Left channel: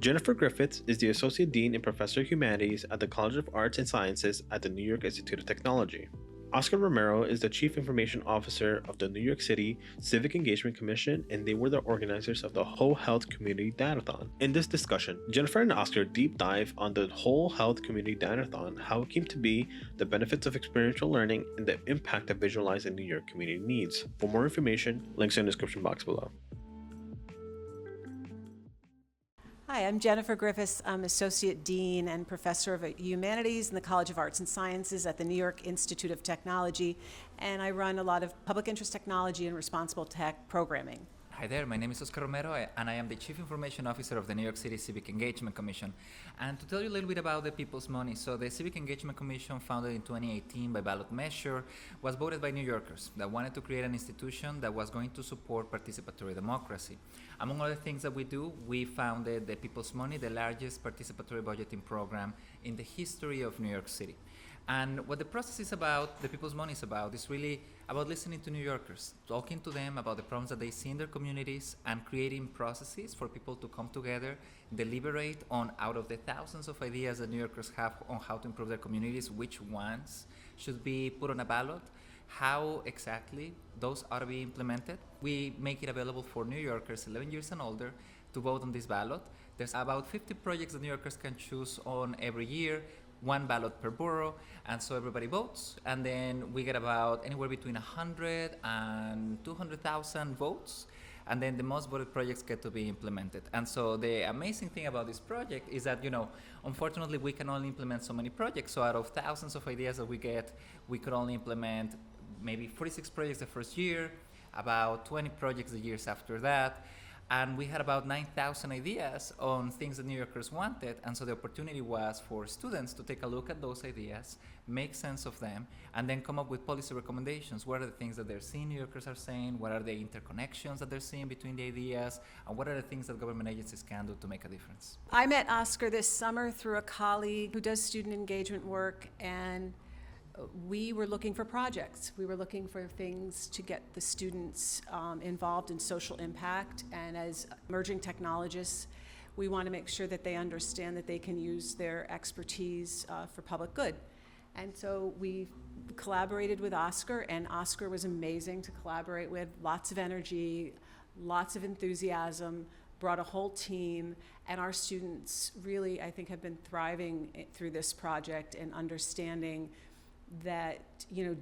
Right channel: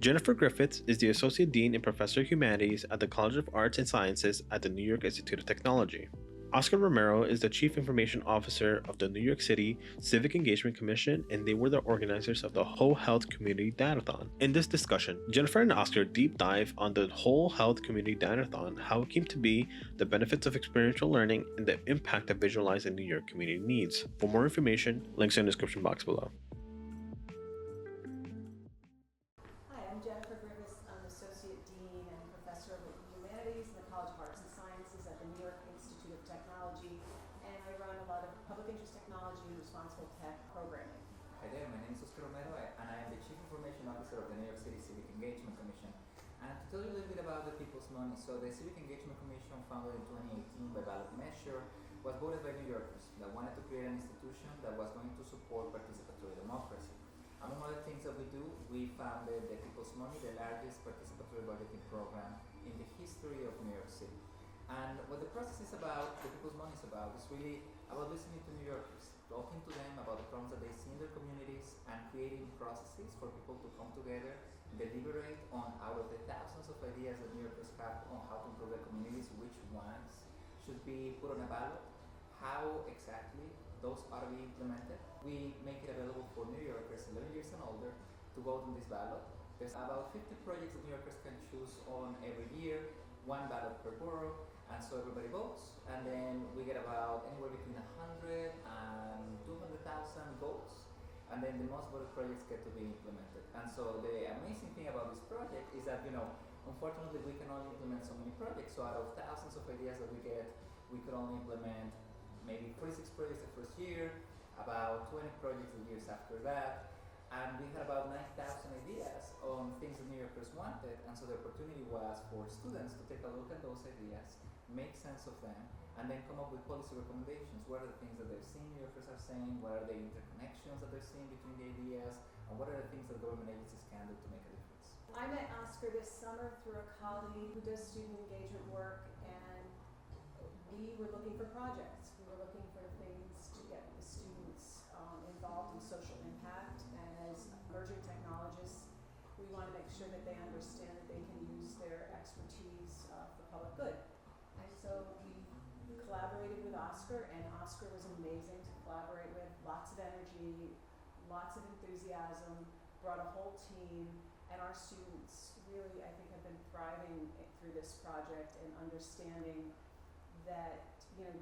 Jennifer Griffiths is the Associate Dean and Professor of Humanities at the College of Arts and Sciences at the New York Institute of Technology. Oscar Romero is the Chief Information Officer of the New York City Civic Engagement Commission, and they were the organizers of the Whole Health Community Datathon. In this discussion, Jennifer and Oscar deep dive on the Whole Health Community Datathon, how it came to be, the benefits of experiential learning, and the impact that visualizing New York community needs. For more information, links in the description box below. Hi, I'm Jennifer Griffiths. I'm Associate Dean and Professor of Humanities in the College of Arts and Sciences at the New York Institute of Technology, and I run a lot of public interest technology and responsible tech programming. Hi there, my name is Oscar Romero, and I am the Chief Information Officer of the New York City Civic Engagement Commission. And to tell you a little bit about the People's Money, so the Civic Engagement Commission, founded in 2018 by ballot measure, was voted by New Yorkers that wanted to create an institution that was going to support participatory democracy. Among other things that we do, we founded the People's Money, the largest participatory budgeting program in the history of New York City. And what the process is about, the People's Money is about, is really about listening to New Yorkers, talking to them about the problems that they see in their communities, and creating processes for people to come together, deliberate on, out of the thousands of ideas that New Yorkers have on how to improve their communities, which ones should be put on a ballot, how exactly those ought to be implemented. We make it available for New Yorkers 11 years and older to vote on this ballot. There's about 50 projects that New Yorkers can choose on every year, one ballot per borough, and so everybody votes, and then we get about anywhere between 100 and 200,000 votes, and then the most voted projects get to be implemented. And so the amazing thing about this project is that, unfortunately we can only implement so many projects, so out of thousands of ideas that we get, we could only implement maybe 46 projects the first year, about 20 projects the years after that, and we had about 9,000 ideas on things that New Yorkers wanted, and so the opportunity was for students to take a look at those ideas, make sense of them, and then come up with policy recommendations. What are the things that they're seeing New Yorkers are saying? What are the interconnections that they're seeing between the ideas? And what are the things that government agencies can do to make a difference? I met Oscar this summer through a colleague who does student engagement work, and we were looking for projects. We were looking for things to get the students involved in social impact, and as emerging technologists, we want to make sure that they understand that they can use their expertise for public good. And so we collaborated with Oscar, and Oscar was amazing to collaborate with. Lots of energy, lots of enthusiasm, brought a whole team, and our students really, I think, have been thriving through this project and understanding that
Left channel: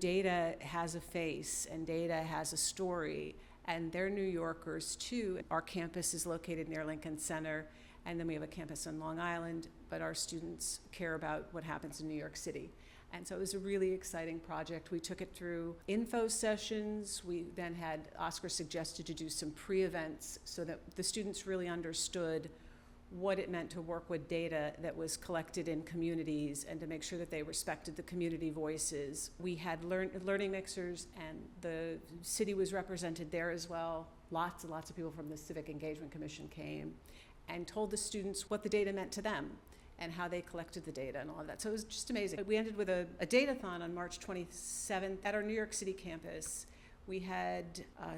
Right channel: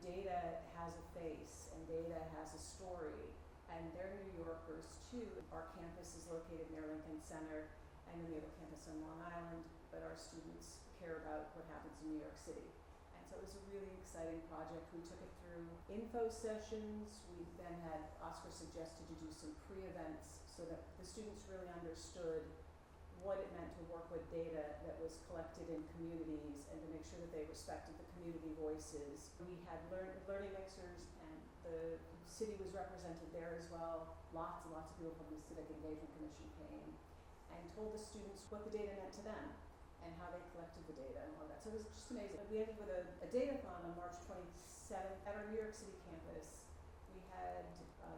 data has a face and data has a story, and they're New Yorkers too. Our campus is located near Lincoln Center, and then we have a campus on Long Island, but our students care about what happens in New York City. And so it was a really exciting project. We took it through info sessions. We then had Oscar suggested to do some pre-events so that the students really understood what it meant to work with data that was collected in communities, and to make sure that they respected the community voices. We had learning mixers, and the city was represented there as well. Lots and lots of people from the Civic Engagement Commission came and told the students what the data meant to them and how they collected the data and all of that. So it was just amazing. We ended with a datathon on March 27th at our New York City campus. We had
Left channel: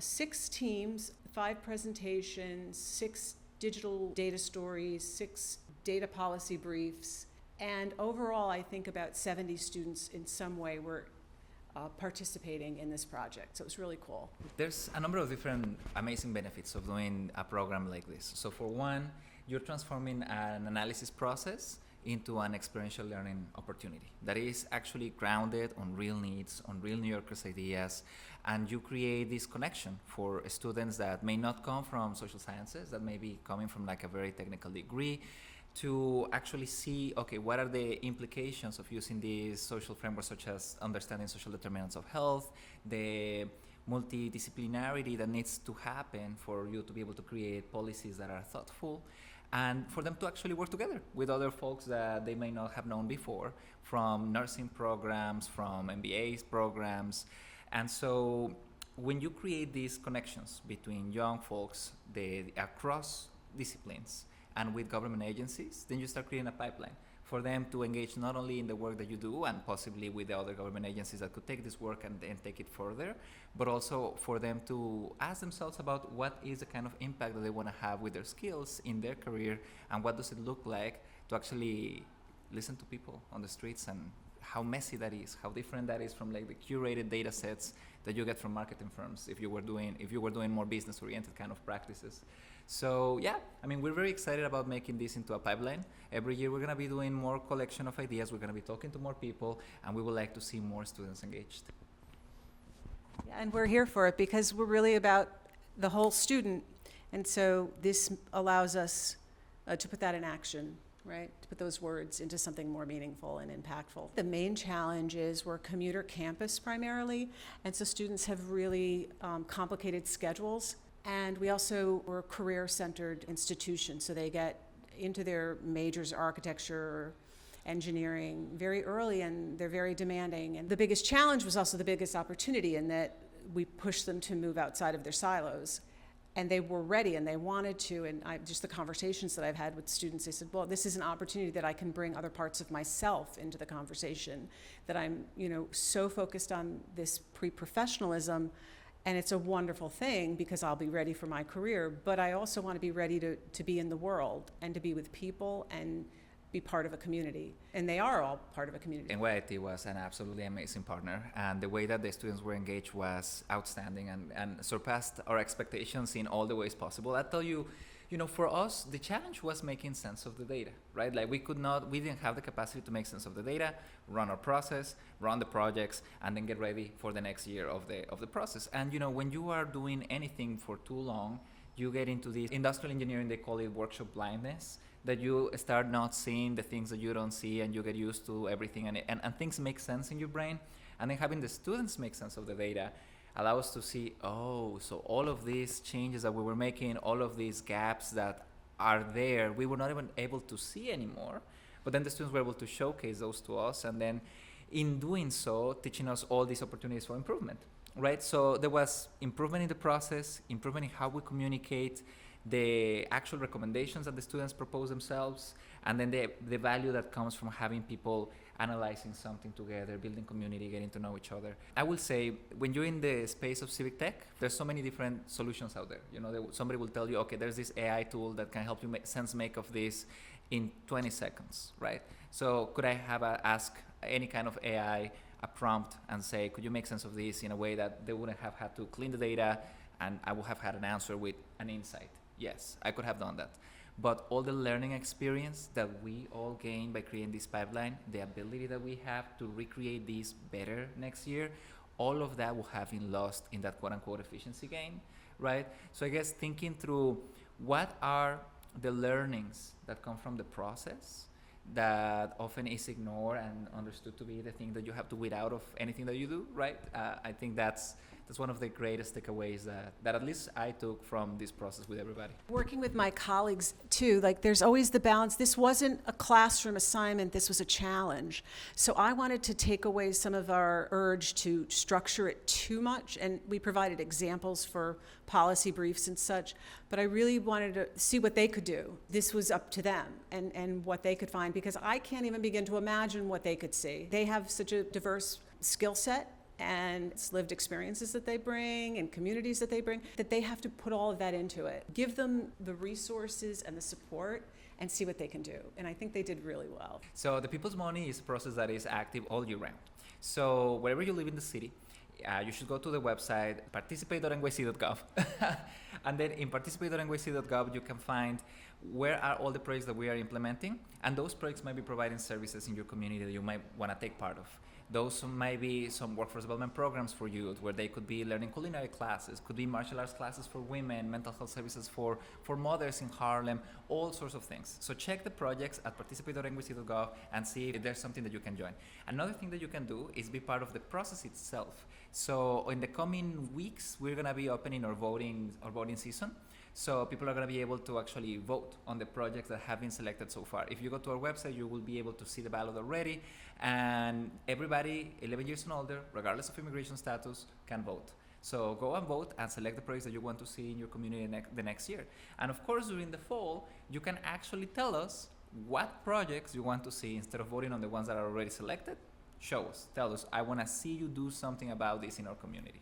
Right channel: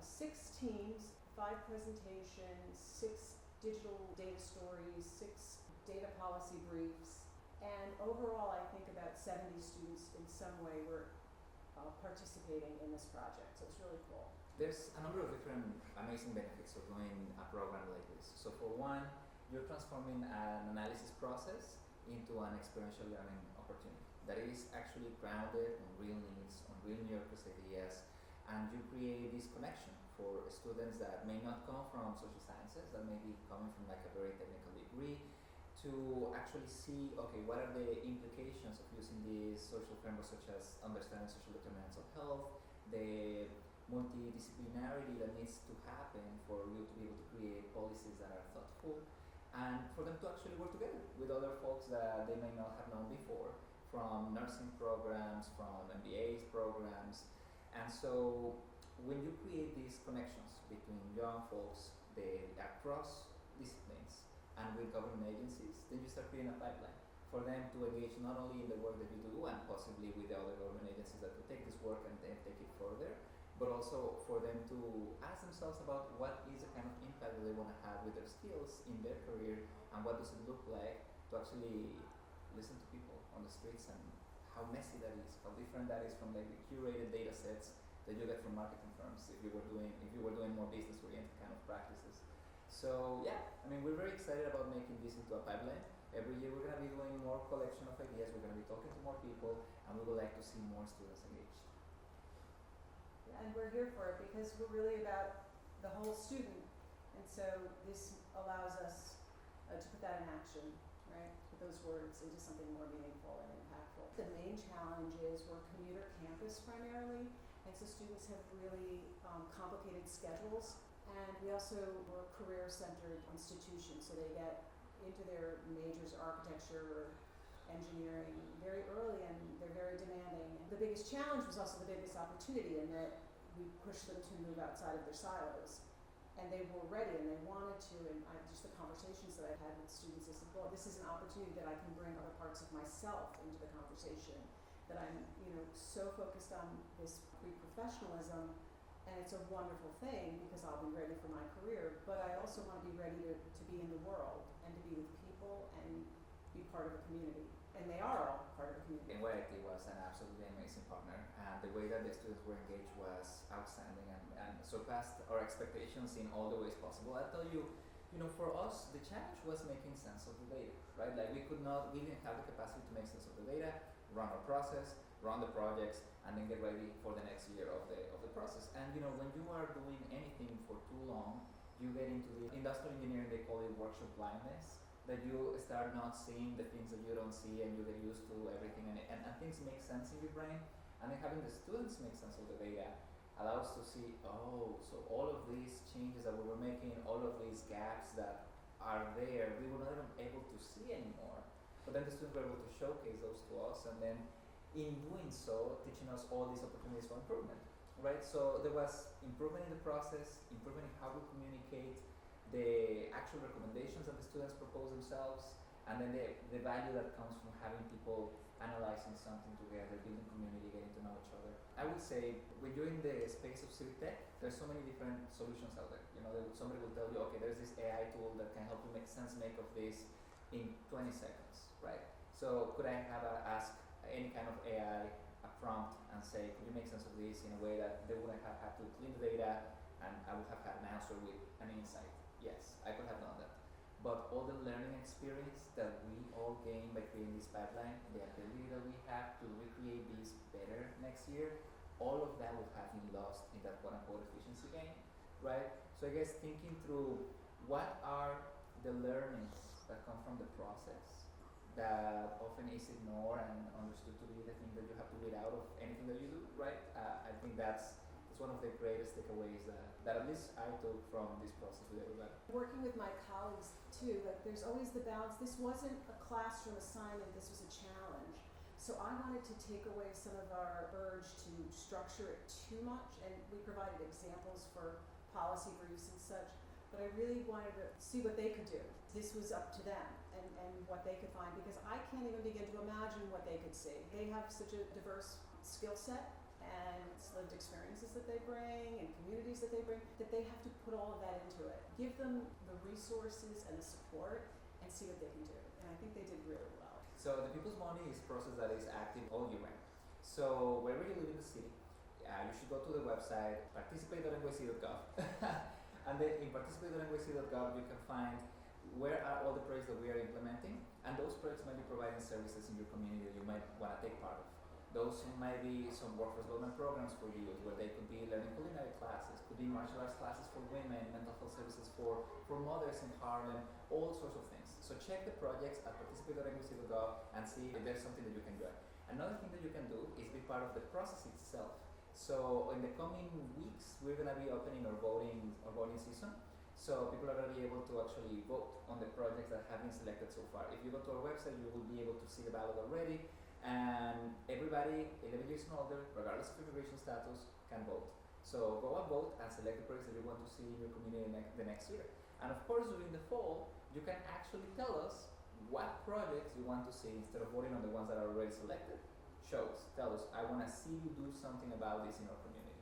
6 teams, 5 presentations, 6 digital data stories, 6 data policy briefs, and overall I think about 70 students in some way were participating in this project. So it was really cool. There's a number of different amazing benefits of doing a program like this. So for one, you're transforming an analysis process into an experiential learning opportunity that is actually grounded on real needs, on real New Yorkers' ideas, and you create this connection for students that may not come from social sciences, that may be coming from like a very technical degree, to actually see, okay, what are the implications of using these social frameworks, such as understanding social determinants of health, the multidisciplinarity that needs to happen for you to be able to create policies that are thoughtful, and for them to actually work together with other folks that they may not have known before, from nursing programs, from MBAs programs. And so when you create these connections between young folks across disciplines and with government agencies, then you start creating a pipeline for them to engage not only in the work that you do and possibly with the other government agencies that could take this work and take it further, but also for them to ask themselves about what is the kind of impact that they want to have with their skills in their career, and what does it look like to actually listen to people on the streets, and how messy that is, how different that is from like the curated data sets that you get from marketing firms if you were doing more business oriented kind of practices. So yeah, I mean, we're very excited about making this into a pipeline. Every year we're going to be doing more collection of ideas, we're going to be talking to more people, and we would like to see more students engaged. Yeah, and we're here for it because we're really about the whole student, and so this allows us to put that in action, right? To put those words into something more meaningful and impactful. The main challenge is we're commuter campus primarily, and so students have really complicated schedules. And we also were a career-centered institution, so they get into their majors, architecture, engineering, very early, and they're very demanding. And the biggest challenge was also the biggest opportunity in that we pushed them to move outside of their silos. And they were ready and they wanted to, and just the conversations that I've had with students, they said, well, this is an opportunity that I can bring other parts of myself into the conversation, that I'm, so focused on this pre-professionalism, and it's a wonderful thing because I'll be ready for my career, but I also want to be ready to be in the world and to be with people and be part of a community. And they are all part of a community. NYC was an absolutely amazing partner, and the way that the students were engaged was outstanding and surpassed our expectations in all the ways possible. I tell you, for us, the challenge was making sense of the data, right? Like we didn't have the capacity to make sense of the data, run our process, run the projects, and then get ready for the next year of the process. And when you are doing anything for too long, you get into this industrial engineering, they call it workshop blindness, that you start not seeing the things that you don't see, and you get used to everything, and things make sense in your brain. And then having the students make sense of the data allow us to see, so all of these changes that we were making, all of these gaps that are there, we were not even able to see anymore. But then the students were able to showcase those to us, and then in doing so, teaching us all these opportunities for improvement, right? So there was improvement in the process, improvement in how we communicate, the actual recommendations that the students propose themselves, and then the value that comes from having people analyzing something together, building community, getting to know each other. I will say, when you're in the space of civic tech, there's so many different solutions out there. Somebody will tell you, okay, there's this AI tool that can help you make of this in 20 seconds, right? So could I ask any kind of AI a prompt and say, could you make sense of this in a way that they wouldn't have had to clean the data, and I would have had an answer with an insight? Yes, I could have done that. But all the learning experience that we all gain by creating this pipeline, the ability that we have to recreate this better next year, all of that will have been lost in that quote-unquote efficiency gain, right? So I guess thinking through what are the learnings that come from the process that often is ignored and understood to be the thing that you have to weed out of anything that you do, right? I think that's one of the greatest takeaways that at least I took from this process with everybody. Working with my colleagues too, there's always the balance. This wasn't a classroom assignment, this was a challenge. So I wanted to take away some of our urge to structure it too much, and we provided examples for policy briefs and such, but I really wanted to see what they could do. This was up to them and what they could find, because I can't even begin to imagine what they could see. They have such a diverse skill set, and it's lived experiences that they bring and communities that they bring, that they have to put all of that into it. Give them the resources and the support and see what they can do. And I think they did really well. So the People's Money is a process that is active all year round. So wherever you live in the city, you should go to the website participate.nyc.gov. And then in participate.nyc.gov, you can find where are all the projects that we are implementing. And those projects might be providing services in your community that you might want to take part of. Those might be some workforce development programs for youth, where they could be learning culinary classes, could be martial arts classes for women, mental health services for mothers in Harlem, all sorts of things. So check the projects at participate.nyc.gov and see if there's something that you can join. Another thing that you can do is be part of the process itself. So in the coming weeks, we're going to be opening our voting season. So people are going to be able to actually vote on the projects that have been selected so far. If you go to our website, you will be able to see the ballot already. And everybody 11 years and older, regardless of immigration status, can vote. So go and vote and select the projects that you want to see in your community the next year. And of course, during the fall, you can actually tell us what projects you want to see instead of voting on the ones that are already selected. Show us, tell us, I want to see you do something about this in our community.